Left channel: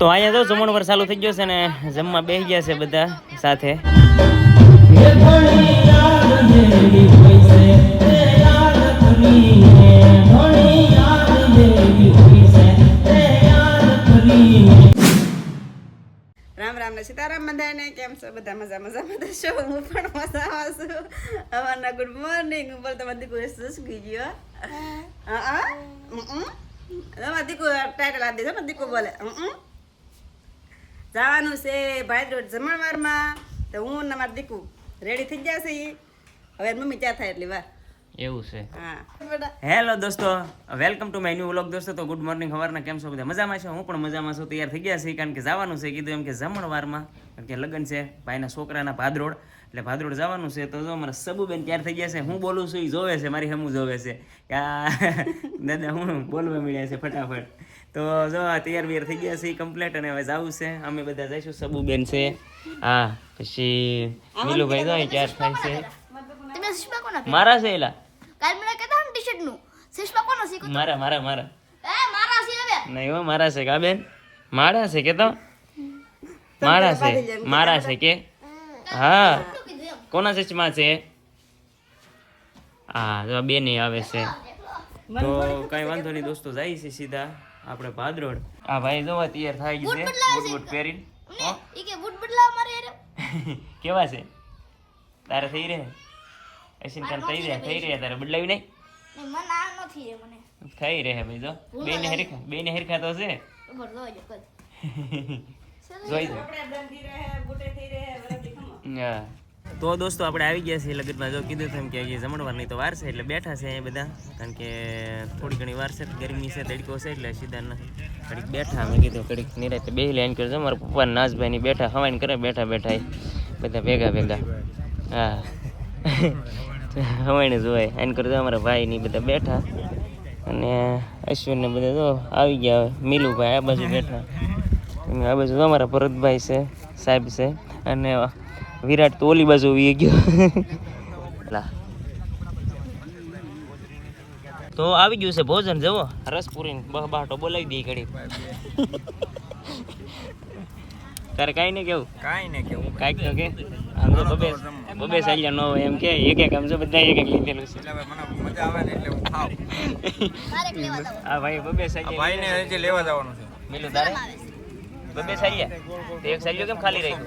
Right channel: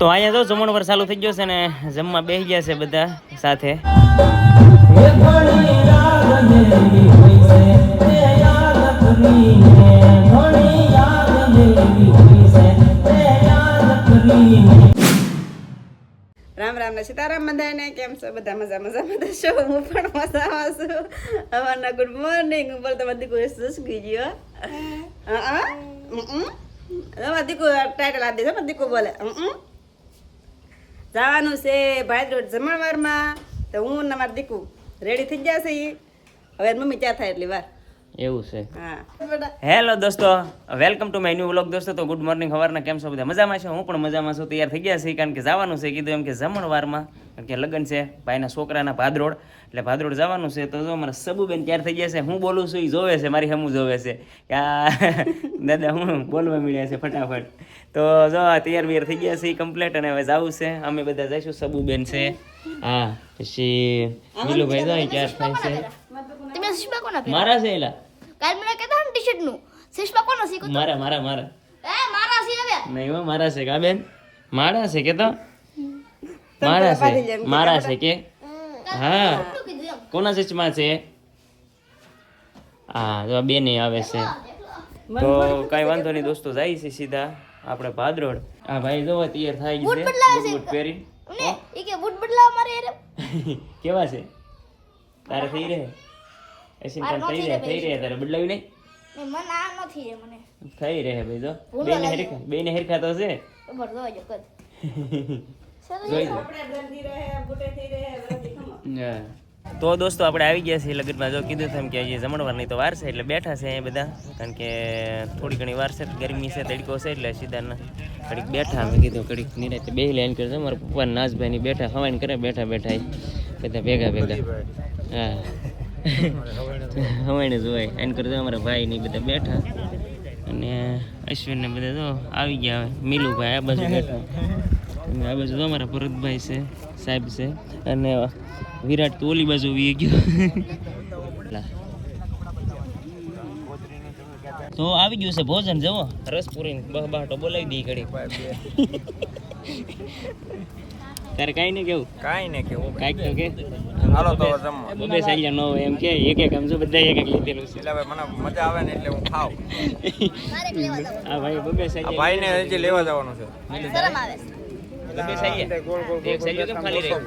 તો અહીંયા જો જમણવાર ચાલુ થઈ ગયો છે ને જમવા બેસી ગયા છે બધા સાથે. રામ રામ ને સીતારામ બધાને કેમ છો? બધા મજા મજા બધા છો? હું પણ મજામાં છું. હવારના ગુડ મોર્નિંગ ઉપર તો બધી કોઈ સુસકી ગયો હા? હા. તમારા દીકુ ટાઇટલ આપી દેજો દીકુ બોલે. હમ. જવાનું છે ભાઈ રોડ જમણવારમાં. તો હું ને મારા દીકુ રેડી થઈ ગયા છે હવે મમ્મી ત્યાં થાય એટલી વાર. એવું છે. હેલો દોસ્તો welcome to my new vlog દોસ્તો. તો ગુડ મોર્નિંગ સવારના કેમ છો બધા? મજામાં છે? હું પણ મજામાં છું. તૈયાર થઈ ગયા છે કારણ કે જવાનું છે. કીધું એમ કે જમણવારમાં કારણ કે લગ્ન છે ભાઈના છોકરાના ભાદરોડ એટલે ભાદરોડ જવાનું છે તો જો મારા સબુબેન ક્યારે થઈ ગયા છે હું બોલું છું એ જોવે છે મારી હમું જોવે છે. કે આ દાદા હું બોલવા મળ્યા છે ફટાફટ. તો જો તૈયાર બિયાર થઈ ગયા છે એ કમ્પ્લેટ અને હવે જવું છે. અમે બધા જઈશું સબુબેન છે. હા પછી નીલુભાઈ જાય ક્યારે થાય છે? મારા છે એલા. કાલ મને કહેતા ને ટી-શર્ટનું. સુષ્મા કોનો શીખો મારા મારા મારા. એ મારા સી હવે. નહીં હો મારા છે કા બેન મારા છે કે તો? મારા છે મારા છે કે? હા. કોના ચશ્મા છે? હા જો બે ને આવે છે. તો કઈ વાંધો નહીં દોસ્તો જાય છે સીધા. આપણે ભાદરોડ આ ભાઈ જો તૈયાર થઈ ગઈ છે. બૂટ પહેરી ઈ કે બૂટ બદલાવ મારે યાર કેવા છે? તારે થઈ રહે? એસી તારે થઈ રહે થઈ રહે તારે બદલાવી નહીં? ને આ નથી મને. થઈ રહે ભાઈ જો. બેને હેરખા બેને હેરખા તો છે. ખબર જોજો કદ જોઈ હા. તો દોસ્તો આપણે આવી ગયા છીએ લગનમાં. જો કીધું તેમ કે હજી જમણવારની તો વાર છે એટલે બેઠા છે અહીંયા બધા. કારણ કે થોડી ઘણી વાર છે, ગરમી છે, તડકો છે એટલે સીધા કડીક બેઠા. મેં કીધું ઘડીક નિરાતે બે લાઈન કરજો મારા પપ્પા નાજભાઈ ની બેઠા હવાઈ કરે, બેઠા બેઠા બધા ભેગા ભેગા. હા. હવાઈને જોવાય આઈન કરજો અમારા ભાઈ ની બધા બેઠા. અને અશ્વિન ને બધા જો આવી ગયા હવે. મિલુભાઈ આ બાજુ બેઠા. આ બાજુ અમારા ભરતભાઈ છે, સાહેબ છે. અને વિરાટ તો ઓલી બાજુ વી ગયો. તો આવી ગયું છે ભોજન જવો રસપુરી બહ બાટો બોલાવી દઈ ઘડી તારે કાંઈ નહીં કેવું? કાંઈ ને કેવું કાંઈક તો કે. હાલો તો જમવા. બબે સાલ્યા ન એમ કે એક એક આમ બધા એક એક લીધેલું છે. એટલે મને મજા આવે ને એટલે હું ખાવ હા લેવા ભાઈ બબે આ સાલ્યા ભાઈને હજી લેવા જવાનું છે. શરમ આવે બબે સાલ્યા એક સાલ્યો કેમ ખાલી રાખ્યો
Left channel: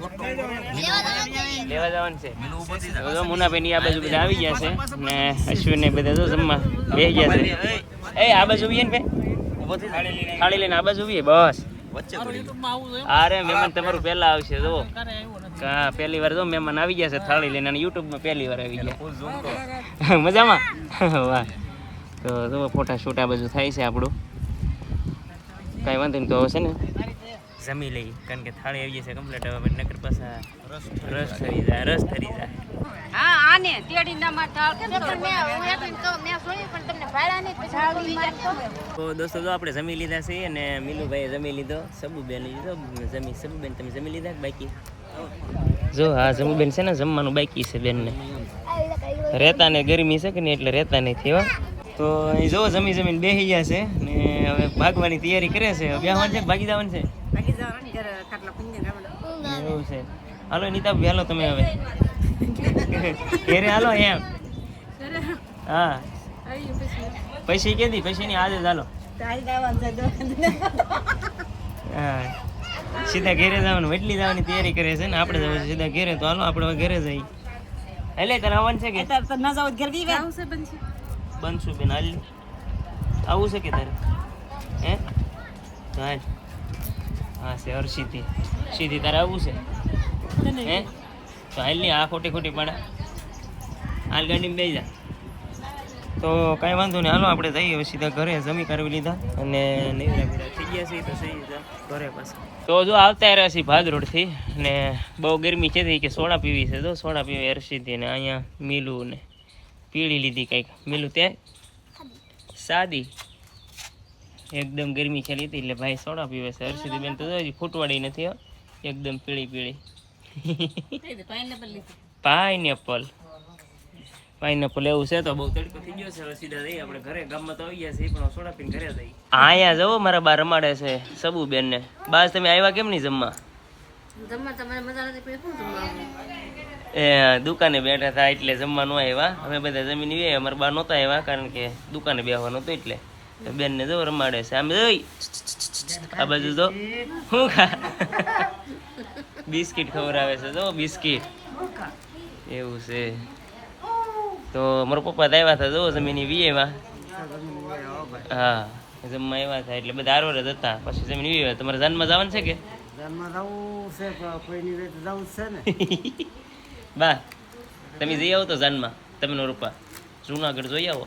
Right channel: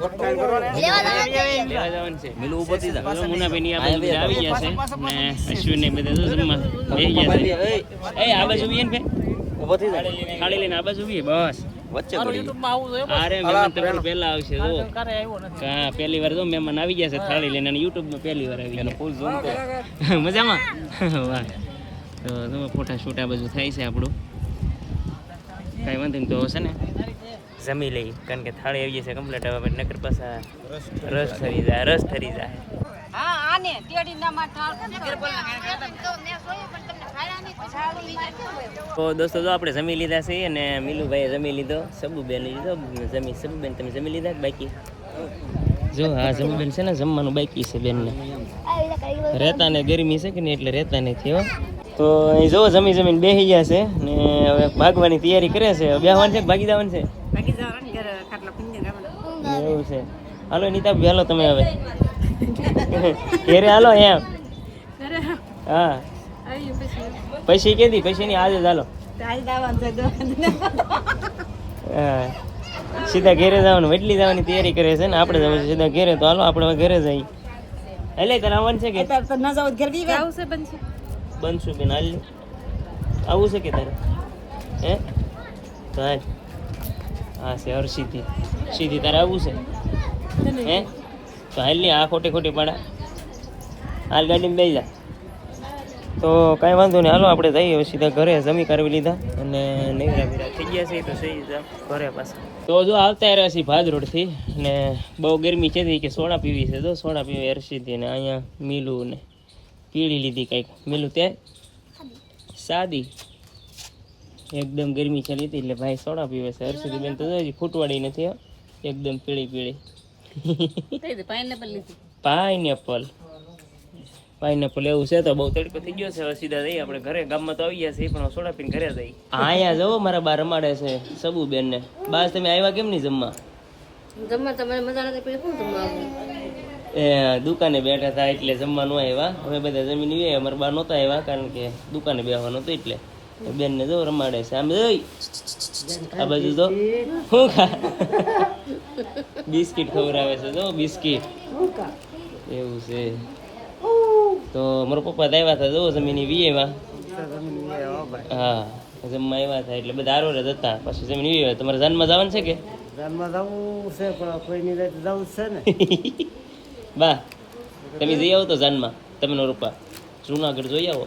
લેવા જવાનું. છે. મિલું ઊભો થઈ જા મુનાભાઈ ની આ આવી ગયા છે. ને અશ્વિન ને બધા જો જમવા. બેસી ગયા છે. એ આ બાજુ ઊભી ને ઊભો થઈ જાય થાળી લઈને આ બાજુ ઊભી. બસ. વચ્ચે અરે મહેમાન તમારું પહેલા આવશે જો. હા પહેલી વાર જો મહેમાન આવી ગયા છે થાળી લઈને અને YouTube માં પહેલી વાર આવી ગયા. મજામાં? વાહ. તો જો ફોટા શૂટ આ બાજુ થાય છે આપણું. કાંઈ વાંધો નહીં તો હશે ને. જમી લઈ કારણ કે થાળી આવી જશે કમ્પ્લીટ હવે નકર પાછા રસ ઠરી જાય રસ ઠરી જાય. હા આને તેડી ના કેમ તો દોસ્તો જો આપણે જમી લીધા છે અને મિલુભાઈએ જમી લીધો સબુબેન લીધો જમી સબુબેન તમે જમી લીધા બાકી? જો હા જમીબેન છે ને જમવાનું બાકી છે બેનને. રહેતા ને ગરમી છે કે નહીં એટલે રહેતા નથી હો તો અહીં જો જમી જમીન બેસી ગયા છે ને હવે ભાગવાની તૈયારી કરે છે. હવે બેહવાનું છે ભાગી જવાનું છે? એવું છે. હાલો નીતા હાલો તમે હવે. ઘેરે હાલો એમ હા. પૈસા કેદી પૈસા ની આજે જ હાલો. હા. સીધા ઘેરે જવાનું વેટલી જવાની તૈયારી કરે છે ને આપણે જવું સીધા ઘેરે. તો હાલો આપણે ઘેરે જઈએ. એટલે તારે આવવાનું છે કે? ના જાવ ઘેર બી આવશે બનશે બનશું બેન. હાલ આવું છે કે તારે? હે? તો હાલ. હા, છે હર્ષિથી સીધી. તારે આવવું છે? હે? તો હાલ નહીં, આ ખોટી ખોટી પાડા. હાલ ગાડીમાં બેસી જા. તો કાંઈ વાંધો નહીં. હાલો, આપણે જઈએ સીધા ઘરે. જમી કરવી લીધા અને નહીં થઈ ગયા છે. તો સહી ઘરે પાછા. તો જો આવતા રહ્યા છીએ ભાદરોડથી ને બહુ ગરમી છે કે સોડા પીવી છે. તો સોડા પીવી હર્ષિથી ને અહીંયા મીલું ને પીળી લીધી કંઈક. મેલું તે? સાદી. એકદમ ગરમી છે લીધી એટલે ભાઈ સોડા પીવે છે. હર્ષિદી બેન તો હજી ફૂટવાડી નથી એકદમ પીળી પીળી. પાઇનેપલ. પાઇનેપલ એવું છે તો બહુ તડકો થઈ ગયો છે. હવે સીધા જઈએ આપણે ઘરે. ગામમાં તો આવી ગયા છીએ પણ સોડા પીને ઘરે જઈએ. અહીંયા જવો મારા બા રમાડે છે સબુબેન ને બાસ તમે આવ્યા કેમ નહીં જમવા? જમવા તમારે મજા નથી પછી શું જમવા એ દુકાને બેઠા હતા એટલે જમવાનું આવ્યા અમે બધા જમીન આવ્યા. અમારે બા નહોતા આવ્યા કારણ કે દુકાને બેહવાનું હતું એટલે. બેનને જો રમાડે છે. આમ જોઈ. આ બાજુ તો હું ખા? બિસ્કિટ ખવડાવે છે. જો બિસ્કિટ. એવું છે. તો મારા પપ્પા તો આવ્યા હતા જો જમીન વી આવ્યા હા. જમવા આવ્યા હતા એટલે બધા આરો જ હતા. પછી જમીન વી આવ્યા તમારે જાનમાં જવાનું છે કે? જાનમાં જવું છે પણ કોઈની જવું છે ને? બા તમે જઈ આવો તો જાનમાં. તમે નો રૂપા. જુનાગઢ જોઈ આવો.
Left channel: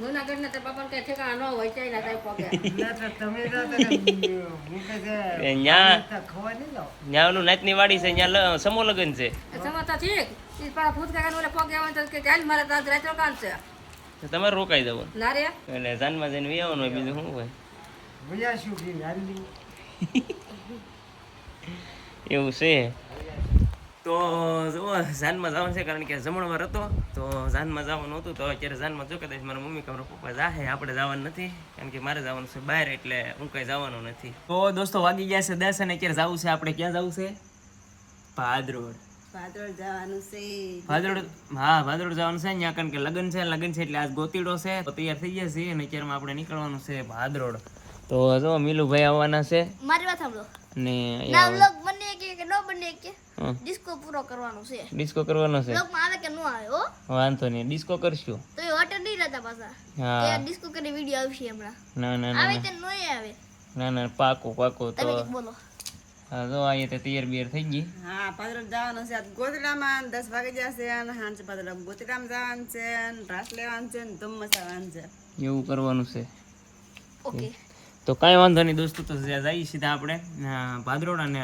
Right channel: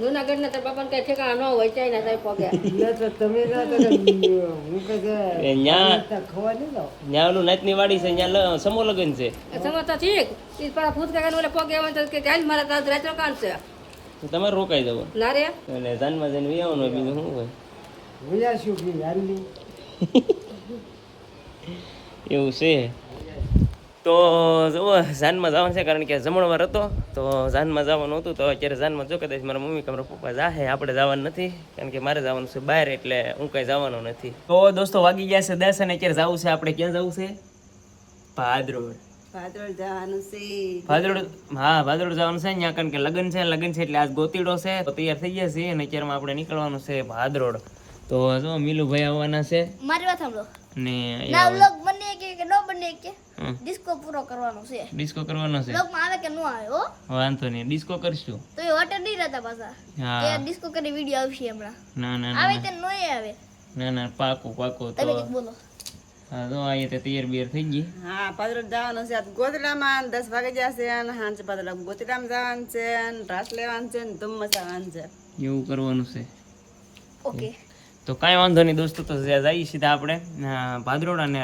જુનાગઢ ના તાર બાપા કઈ ઠેકાણા ન હોય ચાઇના થાય પગે. એટલે તો તમે જાતા ને ન્યા તો નાતની વાડી છે ન્યા સમો લગન છે. સમજતા ઠીક ઈ પાડા ભૂત કાકા ઓલે પગે આવે તો કે ચાલ મારા તાર રાત્રે કાન છે. તમારે રોકાઈ જવું. ના રે. એટલે જાનમાં જઈને હોય બીજું શું હોય? શું એવું છે. તો જુઓ જાનમાં જવાનું છે કારણ કે જમણવાર હતો તો જાનમાં જવાનું હતું તો અત્યારે જાનમાં જો કદાચ મારા મમ્મી કે મારા પપ્પા જાહે આપણે જવાનું નથી કારણ કે મારે જવાનું છે બહાર એટલે હું કાંઈ જવાનું નથી. તો દોસ્તો વાગી ગયા છે દસ અને અત્યારે જવું છે આપણે ક્યાં જવું છે? ભાદરોડ. ભાદરોડ જવાનું છે. ભાદરોડ હા ભાદરોડ જવાનું છે ત્યાં કારણ કે લગ્ન છે લગ્ન છે એટલે આજ ગોતીડો છે તો તૈયાર થઈ ગયા છે અને અત્યારમાં આપણે નીકળવાનું છે ભાદરોડ. તો જો મિલુભાઈ આવવાના છે. મારી વાત સાંભળો. ને ના વ્લોગ બને કે કે ન બને કે ડિસ્કો પૂરો કરવાનો છે. ડિસ્કો કરવાનો છે. વ્લોગમાં આવે કે ન આવે હો? વાંધો નહીં ડિસ્કો કરશું. તો એ હોટલ નહીં રહેતા પાછા. હા. કે ડિસ્કો કરી વીડિયો આવશે હમણાં. ના ના ના આવે કે ન આવે? ના ના પાકું પાકું તમે બોલો. હા તો અહીંયા તો તૈયાર બિયાર થઈ ગઈ. હા ભાદરોડ જવાનું છે. ગોતલામાં દસ વાગે જશે અને હાંજ ભાદરોડ ગોતલામાં જવાનું છે અને રાસ લેવાનું છે ને ધુમ્મસ આવવાનું છે. એવું કરવાનું છે. ઓકે. તો કાંઈ વાંધો નહીં દોસ્તો તો જ્યાં જઈએ સીધા આપણે અ, ભાદરોડા ને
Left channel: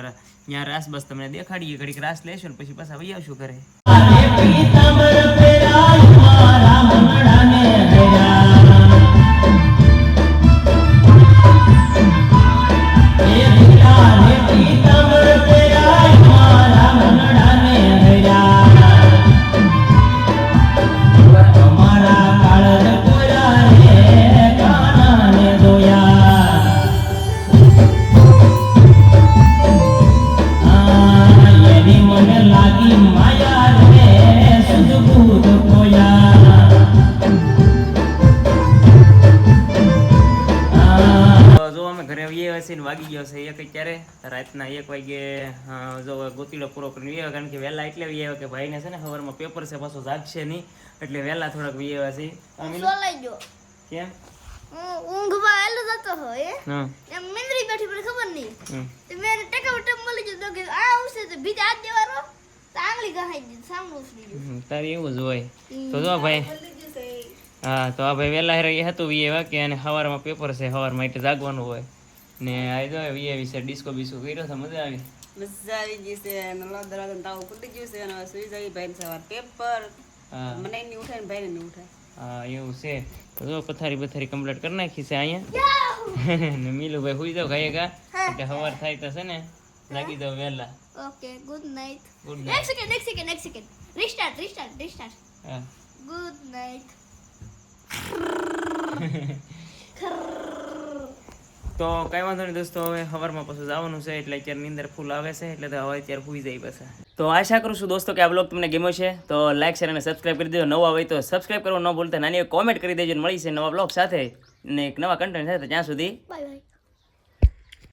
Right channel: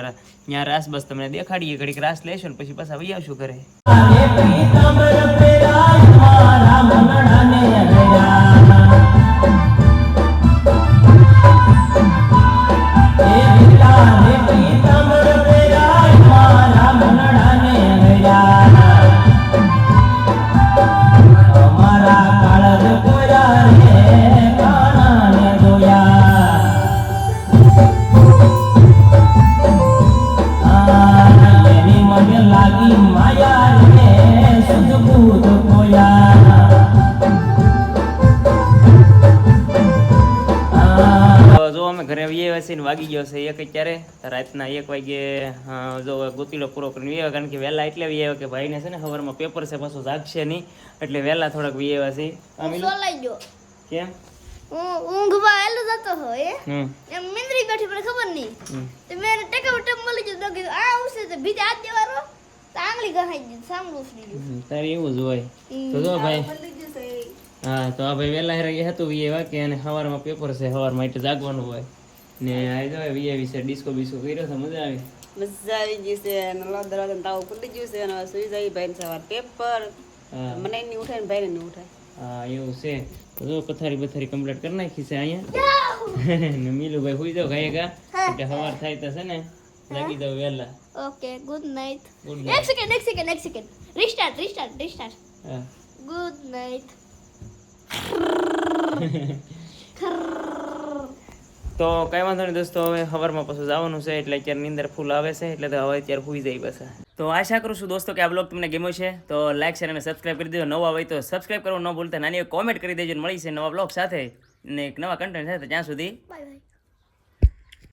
ત્યાં રાસ બસ તમને દેખાડીએ ઘડીક રાસ લેશો પછી પાછા વહી આવશું ઘરે. ઘરે આવીએ આવ્યા છીએ ને વાગી ગયો છે. એક અત્યારે રાતના એક વાગે જો ગોતીલો પૂરો કરીને વી કારણ કે વહેલા એટલે વી આવ્યા કે ભાઈને છે ને સવારમાં પેપર છે પાછું જાગશે નહીં. એટલે વહેલા થોડાક વી આવ્યા છે સોલાઈ ગયો. કેમ? ઊંઘમાં આવેલો જતો હોય એમ મિંદરી બેઠી મને ખબર નહીં. તો મેં એને ટેકા મળી ગયો. તો આ આવશે તો બીજા હાથ દેવાનો. તો આંગળી ગહાઈ ગઈ સાંભળું ઉસરી ગયું તારે એવું જ હોય. તો જો ભાઈ. હા તો આ ભાઈ વહેલા હેરે હતું વી એવા કે અને સવારમાં પેપર છે સવારમાં એટલે જાગવાનું હોય. ને આ જો વી એવી છે ડિસ્કો બિસ્કો કર્યો તો મજા આવી. મજા આવી ગઈ છે અને લો દરવાજા તાવ ખુલી ગયું છે અને હવે સુઈ જાય ભાઈ સવાર પેપર હા. મને નહીં ઉઠાય ને ભાઈને નહીં ઉઠાય. હા એવું છે. તો જો પથારી બથારી કમ્પ્લીટ કરી નાખી છે અહીંયા. ને મીલુભાઈ હુઈ જાવ ખાઈ ગા. એટલે સવાર થાય તો છે ને લાગી જાવ વહેલા. ઓકે ગુડ નાઇટ ગુડ એક સેકન્ડ એક સેકન્ડ એક સેકન્ડ રિસ્ટાર્ટ રિસ્ટાર્ટ રિસ્ટાર્ટ હા. ગુડ નાઇટ તો કઈ વાંધો નહીં દોસ્તો, હવે સવારમાં પાછું જવાનું છે, એટલે અત્યારે નીંદર ફૂલ આવે છે, એટલે હવે અત્યારે સુઈ જાય પછી. તો આશા કરું છું દોસ્તો કે આ બ્લોગ તમને ગમ્યો છે તો લાઈક શેર અને સબસ્ક્રાઈબ કરી દેજો. નવા હોય તો સબસ્ક્રાઇબ કરવું ન ભૂલતા, નાની કોમેન્ટ કરી દેજો મળી છે નવા બ્લોગ સાથે. ને એક નવા કન્ટેન્ટ સાથે ત્યાં સુધી બાય